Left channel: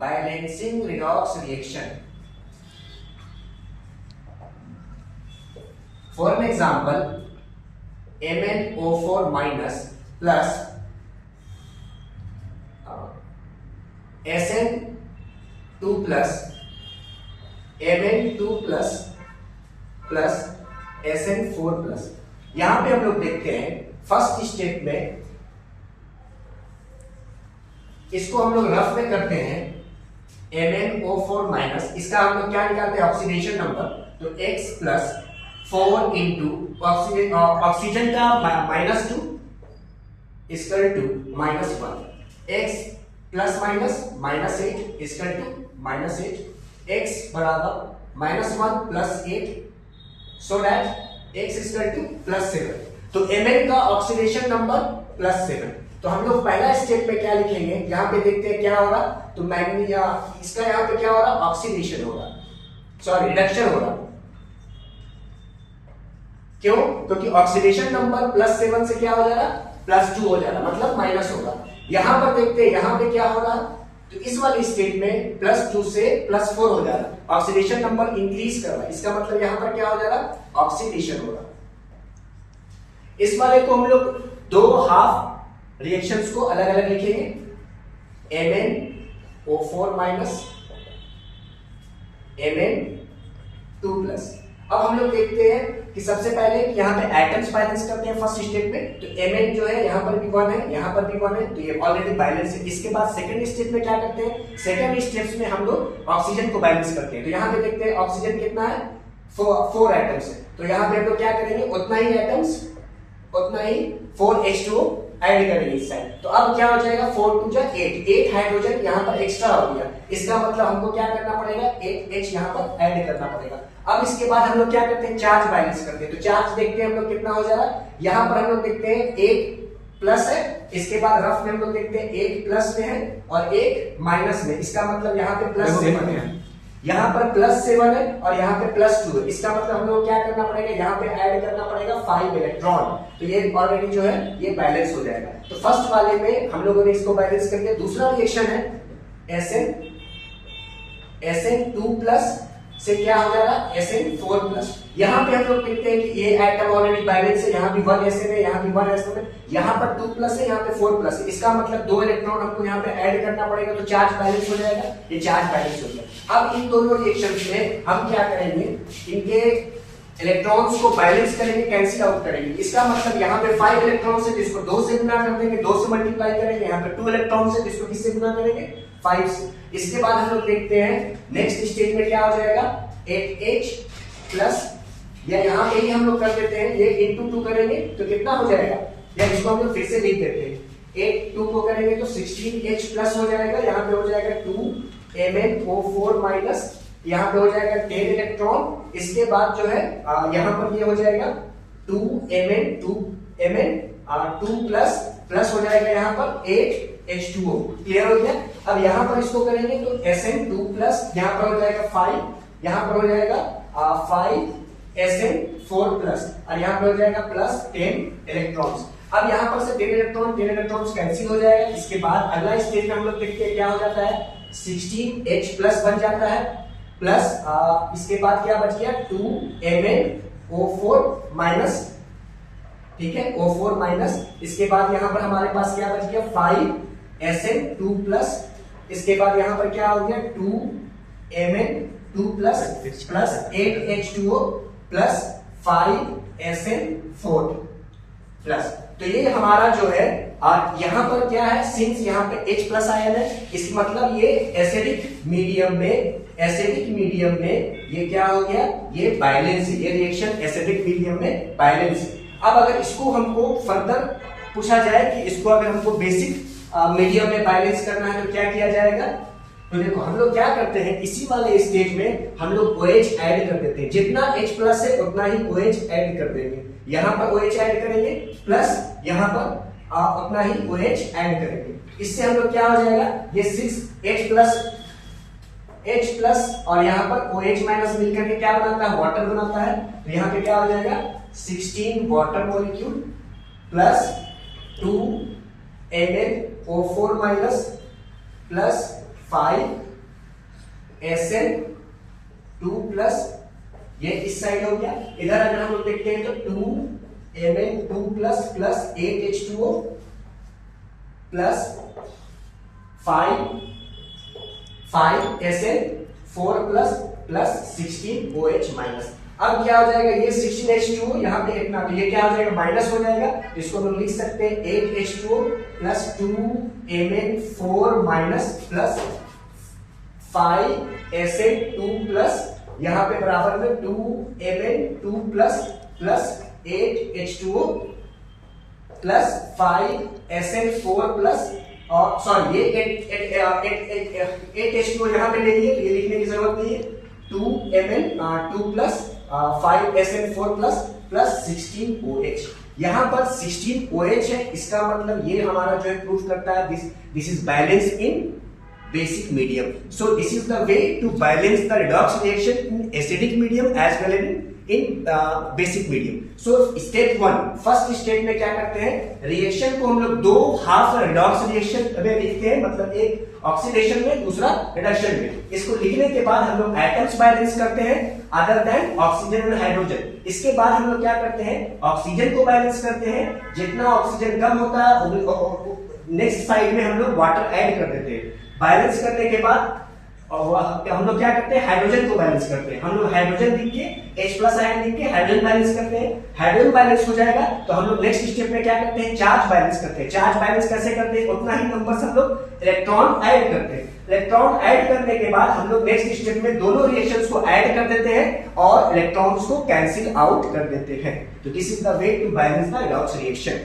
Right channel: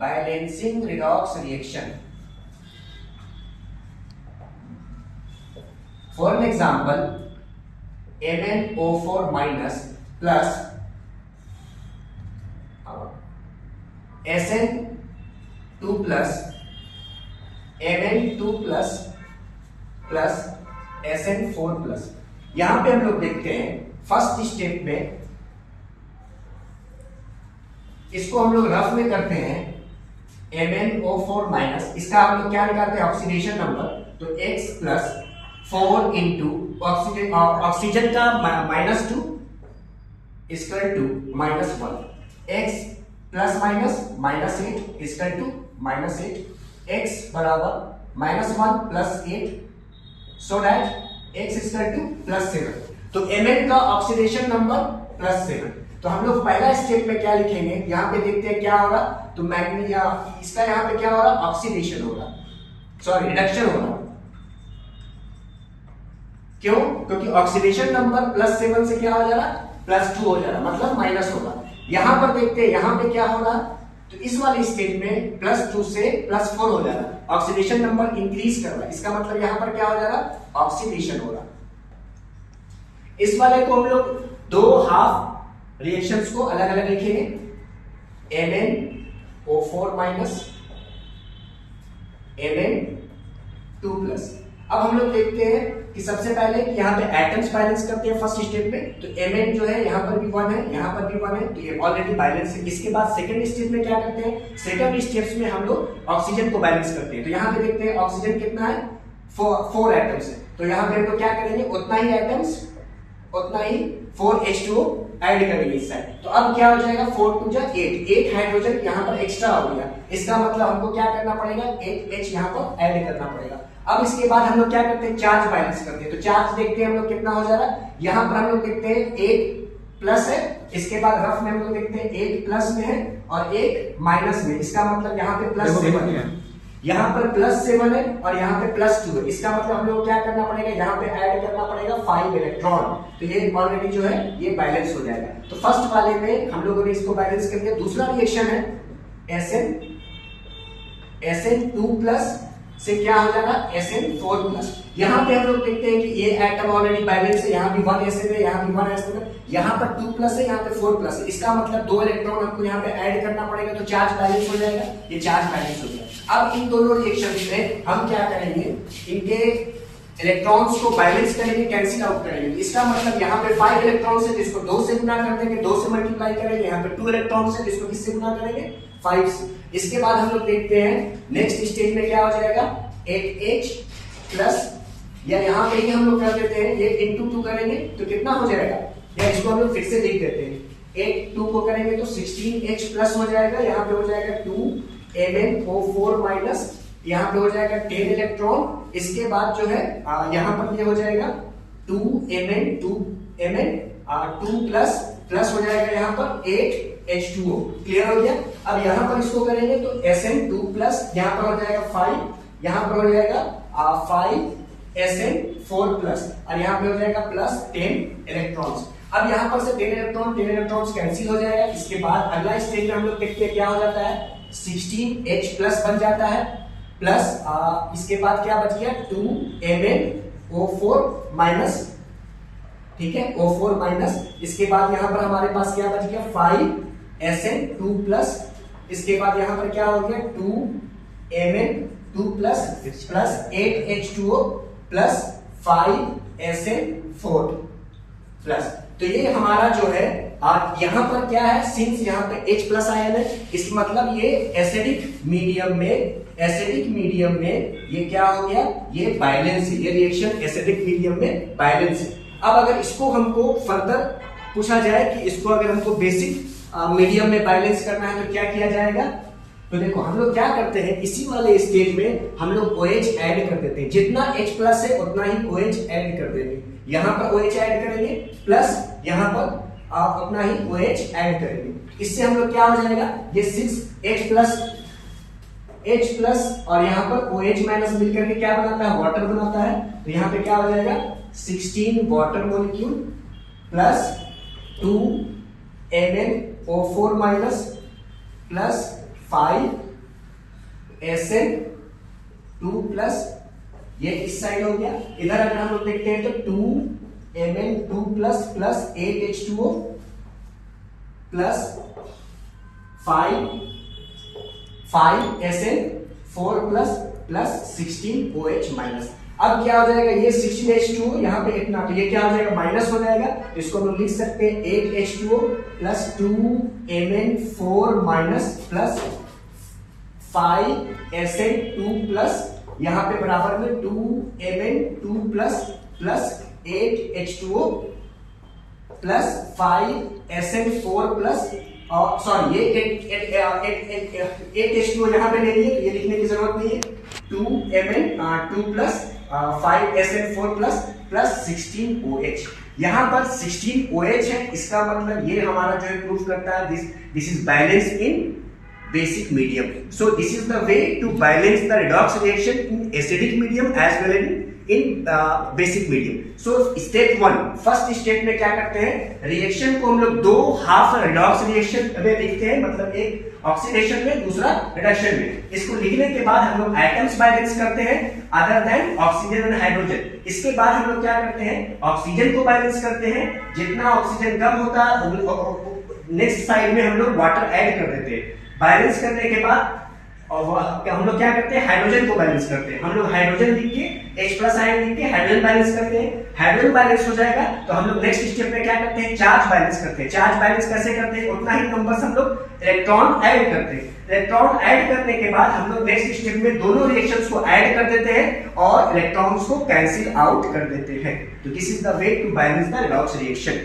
Balancing redox reaction. For an example, MnO4 minus plus Sn2 plus Mn2 plus plus Sn4 plus. यहां पे हम लोग देखते हैं फर्स्ट स्टेप में इसको हम लोग रफ में करते हैं MnO4 माइनस, इसका हम लोग क्या निकालते हैं ऑक्सीडेशन नंबर, तो X प्लस 4 इंटू ऑक्सीजन का -2 is equal to -1, X plus -8 is equal to -8, X बराबर -1 plus 8 so that X equal to +7। तो Mn का ऑक्सीडेशन नंबर +7। तो हम लोग पहला स्टेप में क्या लिखेंगे, यहां पे देखते हैं क्या हो रहा, तो मैग्नीशियम इसका यहां पे क्या हो रहा, ऑक्सीडेशन हो रहा, सॉरी रिडक्शन हो रहा। क्यों? क्योंकि ऑक्सीडेशन नंबर +7 से क्या हो जा रहा, +2 हो जा रहा, मतलब माइनस होगा। यहां पर देखते हैं यहां पे क्या हो रहा, तो इस वाले स्टेट में +2 से +4 हो जा रहा, ऑक्सीडेशन नंबर इंक्रीज कर रहा है, इसका मतलब यहां पर क्या हो जा रहा, ऑक्सीडेशन हो रहा। इस वाले को हम लोग दो हाफ रिएक्शंस को अलग अलग लिखेंगे, MnO4 माइनस Mn2 प्लस। अब हम लोग देखते हैं कि सबसे पहले कि यहाँ पे एटम्स बैलेंस करते हैं फर्स्ट स्टेप में, तो Mn जो है यहाँ पर भी 1 है, यहाँ पर भी 1 है, तो ये ऑलरेडी बैलेंस है। इसके बाद सेकंड स्टेप में क्या करते हैं, सेकंड स्टेप्स में हम लोग ऑक्सीजन को बैलेंस करते हैं। तो यहाँ पे देखते हैं ऑक्सीजन कितना है, 4 एटम्स है, तो यहाँ पे हम लोग क्या करेंगे, उतना ही एटम्स उतना ही 4H2O ऐड करेंगे इस साइड। तो अब क्या हो जाएगा, 4 2 जा 8 हाइड्रोजन यहाँ पर एक्स्ट्रा हो गया, इसका मतलब हमको क्या करना पड़ेगा, 8H यहाँ पर ऐड करना पड़ेगा। अब इसके बाद हम लोग क्या करते हैं, चार्ज बैलेंस करते हैं। तो चार्ज देखते हैं हम लोग कितना हो जा रहा है, यहाँ पर हम लोग देखते हैं 1 प्लस है, इसके बाद रफ में हम लोग देखते हैं 1 प्लस में है और 1 माइनस में, इसका मतलब यहाँ पे +7 है, यहाँ पर +7 है और यहाँ पे +2 है, इसका मतलब हम लोग क्या करना पड़ेगा, यहाँ पे ऐड करना पड़ेगा 5 इलेक्ट्रॉन। तो ये ऑलरेडी जो है ये बैलेंस हो जाएगा। तो फर्स्ट वाले में हम लोगों ने इसको बैलेंस कर दिया। दूसरा रिएक्शन है Sn2 प्लस से क्या हो जा रहा है, Sn4 प्लस। यहाँ पे हम लोग देखते हैं कि ये एटम ऑलरेडी बैलेंस है, यहाँ भी 1 Sn है, यहाँ भी 1 Sn है, यहाँ पर 2 प्लस है, यहाँ पे 4 प्लस है, इसका मतलब 2 इलेक्ट्रॉन हमको यहाँ पे ऐड करना पड़ेगा, तो चार्ज बैलेंस हो जाएगा, ये चार्ज बैलेंस हो गया। अब इन दोनों रिएक्शंस में हम क्या करेंगे, इनके इलेक्ट्रॉन्स को बैलेंस करेंगे, कैंसिल आउट करेंगे। इसका मतलब यहाँ पे 5 इलेक्ट्रॉन से जिसको 2 से गुना कर देंगे, 2 से मल्टीप्लाई करेंगे, यहाँ पे 2 इलेक्ट्रॉन से जिसको किससे गुना करेंगे, 5 से। इसके बाद हम लोग देखते हैं नेक्स्ट स्टेज में क्या हो जाएगा, 8H प्लस, या यहाँ पे ही हम लोग कर देते हैं, ये इंटू 2 करेंगे तो कितना हो जाएगा, या इसको हम लोग फिर से लिख देते हैं, 8 2 को करेंगे तो 16H प्लस हो जाएगा, यहाँ पे हो जाएगा 2 MnO4 माइनस, यहाँ पे हो जाएगा 10 इलेक्ट्रॉन। इसके बाद जो है यहाँ पर ये हो जाएगा 2 Mn2 प्लस प्लस हो जाएगा यहाँ पर 8H2O। क्लियर हो गया। अब यहाँ पर इसको करेंगे तो Sn2 प्लस, यहाँ पर हो जाएगा 5, यहाँ पर हो जाएगा 5 Sn4 प्लस, और यहाँ पर हो जाएगा प्लस 10 इलेक्ट्रॉन्स। अब यहाँ पर से 10 इलेक्ट्रॉन्स कैंसिल हो जाएगा। इसके बाद अगला स्टेज में हम लोग देखते हैं क्या हो जाता है, 16H प्लस बन जाता है, प्लस इसके बाद क्या बच गया, 2 MnO4 माइनस, ठीक है, O4 माइनस। इसके बाद यहाँ पर हमारे पास क्या बच गया, 5 Sn2 प्लस, इसके बाद यहाँ पर क्या हो गया, 2 Mn2 plus plus 8H2O plus 5 Sn4 plus. तो ये हमारा जो है यहाँ पर क्या है, सिंस यहाँ पे H प्लस आयन है, इसका मतलब ये एसिडिक मीडियम में ये क्या हो गया, ये बैलेंस है, ये रिएक्शन एसिडिक मीडियम में बैलेंस है। अब अगर इसको हमको फर्दर पूछा जाए कि इसको अगर हमको बेसिक मीडियम में बैलेंस करना है तो क्या किया जाएगा, तो देखो हम लोग क्या करते हैं, इसी वाले स्टेज में हम लोग OH ऐड कर देते हैं, जितना H प्लस है उतना ही OH ऐड कर देंगे। यहाँ पर OH ऐड करेंगे प्लस यहाँ पर उतना ही OH ऐड करेंगे। इससे हम लोग क्या हो जाएगा, ये 6H प्लस और यहाँ पर OH माइनस मिलकर के क्या बनाता है, वाटर बनाता है। तो यहाँ पे क्या हो जाएगा, 16 water molecule plus 2 MnO4 minus plus 5 SN2+, ये इस साइड हो गया। इधर अगर हम लोग देखते हैं तो 2Mn2+ plus 8H2O plus 5SN4+ plus 16OH minus. अब क्या हो जाएगा, ये 16H2O यहाँ पे इतना, तो ये क्या हो जाएगा, माइनस हो जाएगा। इसको हम लिख सकते हैं 8H2O plus 2Mn4 minus plus 5SN2 plus यहाँ पे बराबर में 2Mn2 plus 8H2O plus 5SN4 plus, और सॉरी ये 8H2O यहाँ पे ले लिए, तो ये लिखने की जरूरत नहीं है। 2Mn2 plus 5SN4 plus 16OH। यहाँ पर 16OH है, इसका मतलब ये हमारा जो है प्रूफ करता है this is balance in basic medium. So this is the way to balance the redox reaction in acidic medium as well as in basic medium. So step 1, first step में क्या करते हैं, रिएक्शन को हम लोग दो हाफ रिडॉक्स रिएक्शन में लिखते हैं, मतलब एक ऑक्सीडेशन में, दूसरा रिडक्शन में। इसको लिखने के बाद हम लोग एटम्स बैलेंस करते हैं other than oxygen and hydrogen. इसके बाद हम लोग क्या करते हैं, ऑक्सीजन को बैलेंस करते हैं, जितना ऑक्सीजन कम होता है नेक्स्ट साइड में हम लोग वाटर ऐड कर देते हैं। बैलेंस करने के बाद और हम लोग क्या करते हैं, हाइड्रोजन को बैलेंस करते हैं। हम लोग हाइड्रोजन लिख के H+ आयन लिख के हाइड्रोजन बैलेंस करते हैं। हाइड्रोजन बैलेंस हो जाएगा तो हम लोग नेक्स्ट स्टेप में क्या करते हैं, चार्ज बैलेंस करते हैं। चार्ज बैलेंस कैसे करते हैं, उतना ही नंबर हम लोग इलेक्ट्रॉन ऐड करते हैं। इलेक्ट्रॉन ऐड करने के बाद हम लोग नेक्स्ट स्टेप में दोनों रिएक्शंस को ऐड कर देते हैं और इलेक्ट्रॉन्स को कैंसिल आउट कर देते हैं। तो this is the way to balance the redox reaction.